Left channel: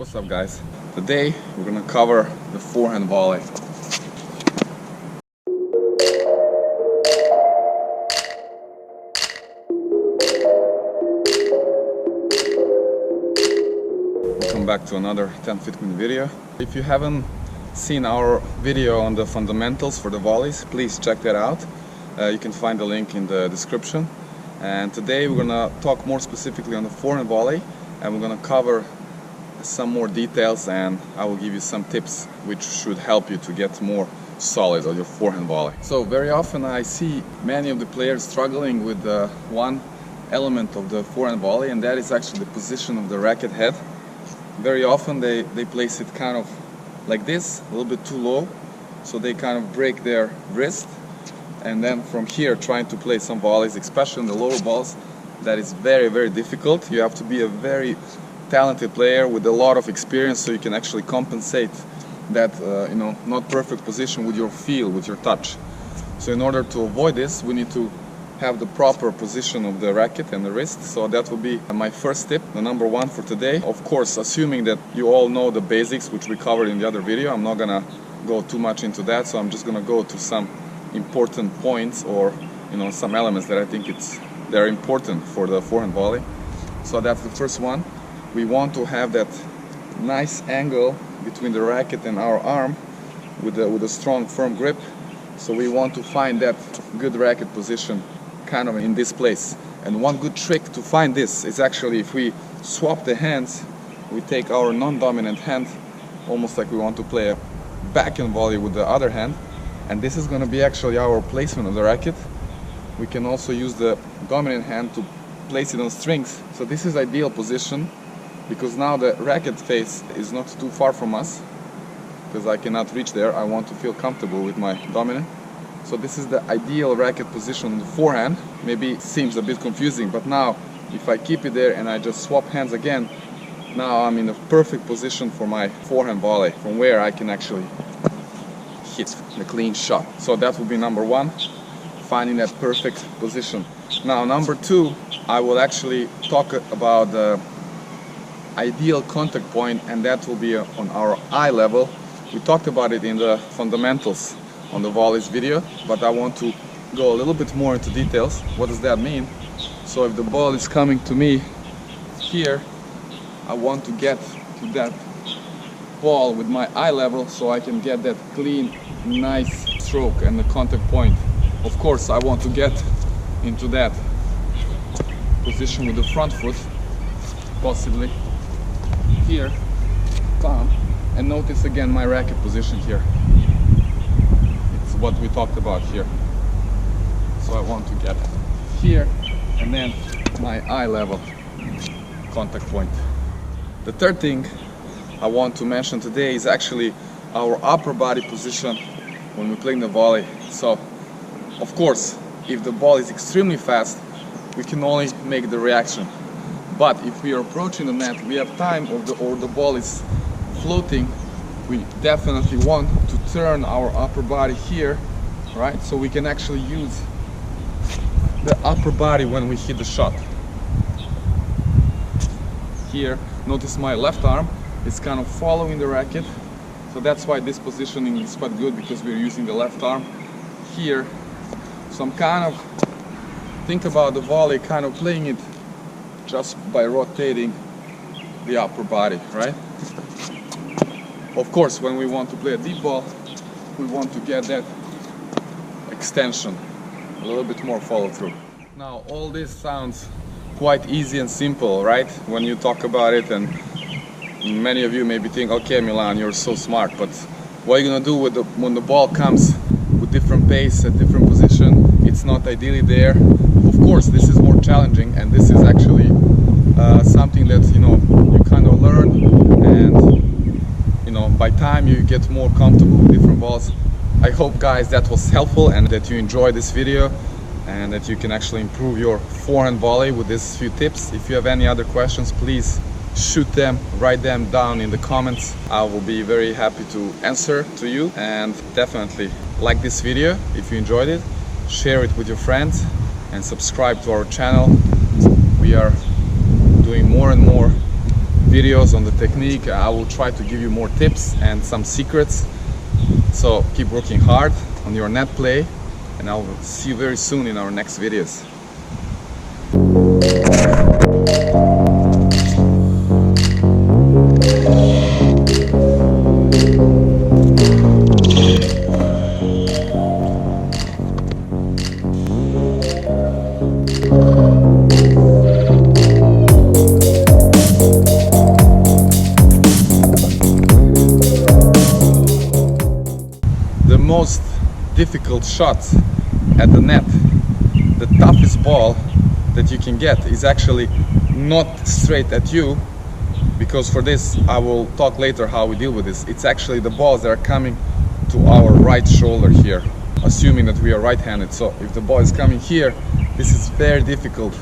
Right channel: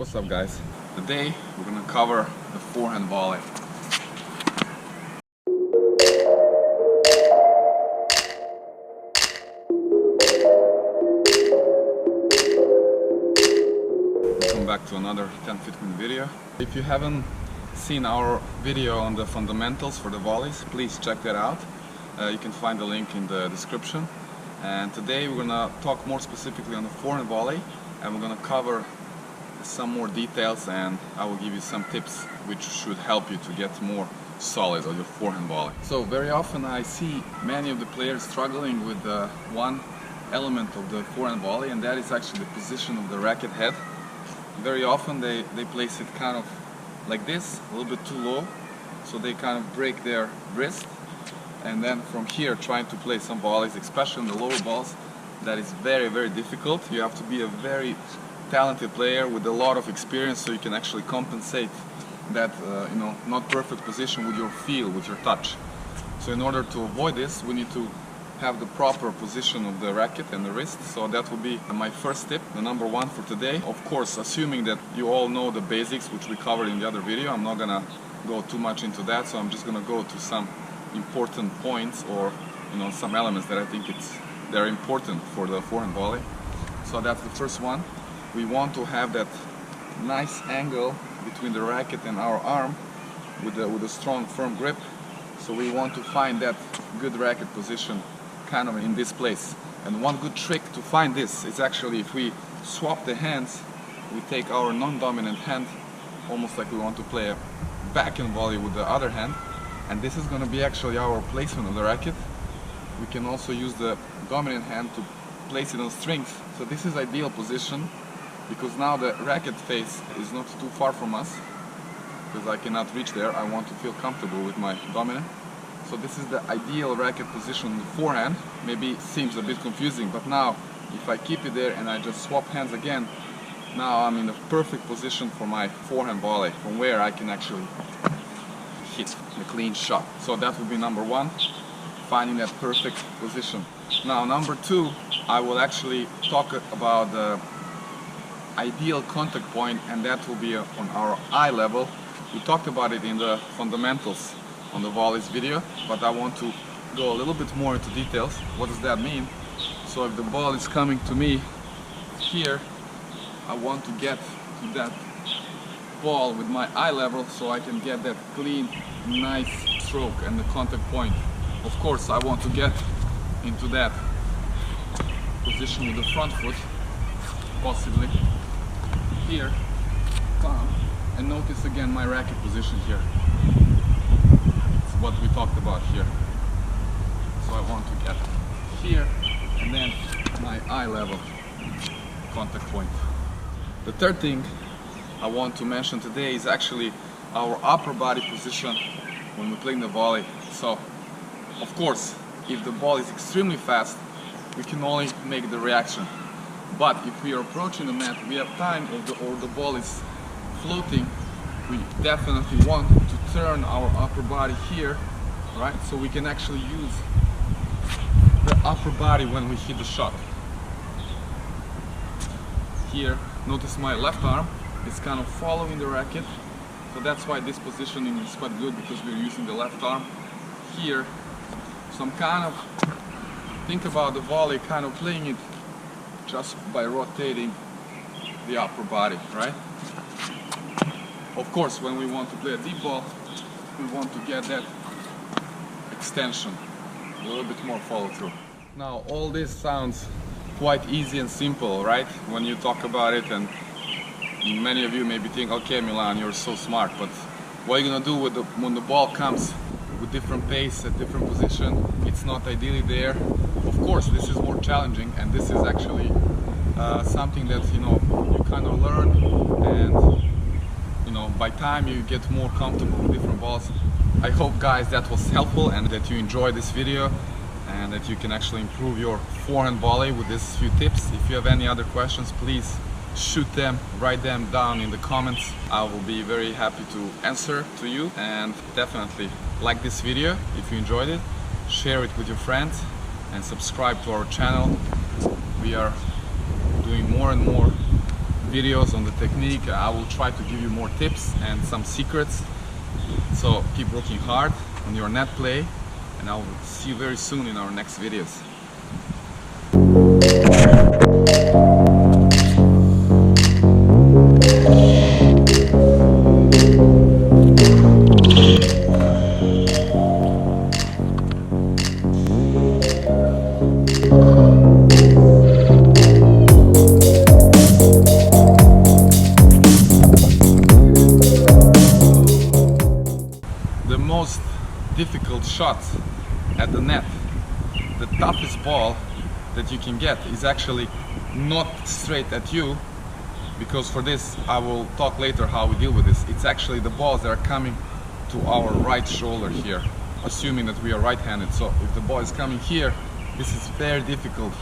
What's up, guys? Today we're gonna cover the forehand volley. Welcome back to another TENFITMEN video. If you haven't seen our video on the fundamentals for the volleys, please check that out. You can find the link in the description. And today we're gonna talk more specifically on the forehand volley, and we're gonna cover some more details, and I will give you some tips which should help you to get more solid on your forehand volley. So very often I see many of the players struggling with one element of the forehand volley, and that is actually the position of the racket head. Very often they place it kind of like this, a little bit too low, so they kind of break their wrist, and then from here trying to play some volleys, especially on the lower balls. That is very, very difficult. You have to be a very talented player with a lot of experience so you can actually compensate that not perfect position with your feel, with your touch. So in order to avoid this, we need to have the proper position of the racket and the wrist. So that will be my first tip, the number one for today. Of course, assuming that you all know the basics, which we covered in the other video. I'm not gonna go too much into that, so I'm just gonna go to some important points, or some elements that I think they're important for the forehand volley. So that's the first one. We want to have that nice angle between the racket and our arm with a strong, firm grip. So we want to find that good racket position kind of in this place. And one good trick to find this is actually, if we swap the hands, we take our non-dominant hand, almost like we want to play a backhand volley with the other hand, and this is going to be actually our placement of the racket. We can also use the dominant hand to place it on strings. So this is ideal position, because now the racket face is not too far from us, because I cannot reach there. I want to feel comfortable with my dominant. So this is the ideal racket position on the forehand. Maybe it seems a bit confusing, but now if I keep it there and I just swap hands again, now I'm in a perfect position for my forehand volley, from where I can actually hit the clean shot. So that will be number one, finding that perfect position. Now number two, I will actually talk about the ideal contact point, and that will be on our eye level. We talked about it in the fundamentals on the volleys video, but I want to go a little bit more into details. What does that mean? So if the ball is coming to me here, I want to get to that ball with my eye level, so I can get that clean, nice stroke and the contact point. Of course, I want to get into that position with the front foot, possibly here, palm, and notice again my racket position here. It's what we talked about here. So I want to get here, and then my eye level contact point. The third thing I want to mention today is actually our upper body position when we're playing the volley. So of course, if the ball is extremely fast, we can only make the reaction. But if we are approaching the net, we have time, or the ball is floating, we definitely want to turn our upper body here, right? So we can actually use the upper body when we hit the shot. Here, notice my left arm is kind of following the racket. So that's why this positioning is quite good, because we're using the left arm here. So I'm kind of, think about the volley, kind of playing it just by rotating the upper body, right? Of course, when we want to play a deep ball, we want to get that extension, a little bit more follow through. Now, all this sounds quite easy and simple, right? When you talk about it, and many of you maybe think, okay, Milan, you're so smart, but what are you gonna do with when the ball comes with different pace at different position? It's not ideally there. Of course, this is more challenging, and this is actually something that you kind of learn, and by time you get more comfortable with different balls. I hope, guys, that was helpful, and that you enjoyed this video, and that you can actually improve your forehand volley with these few tips. If you have any other questions, please shoot them, write them down in the comments. I will be very happy to answer to you, and definitely like this video if you enjoyed it, share it with your friends, and subscribe to our channel. We are doing more and more videos on the technique. I will try to give you more tips and some secrets. So keep working hard on your net play, and I will see you very soon in our next videos. The most difficult shot at the net, the toughest ball that you can get, is actually not straight at you, because for this I will talk later how we deal with this. It's actually the balls that are coming to our right shoulder here, assuming that we are right-handed. So if the ball is coming here, this is very difficult,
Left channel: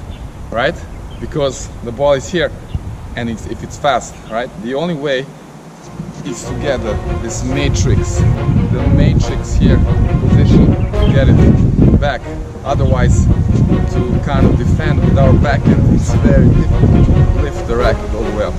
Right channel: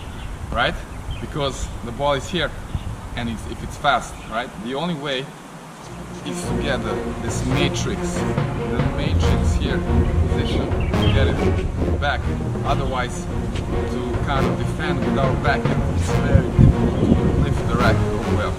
right? Because the ball is here, and if it's fast, right? The only way is to get this matrix, the matrix here position, get it back. Otherwise, to kind of defend with our backhand, it's very difficult to lift the racket all the way up.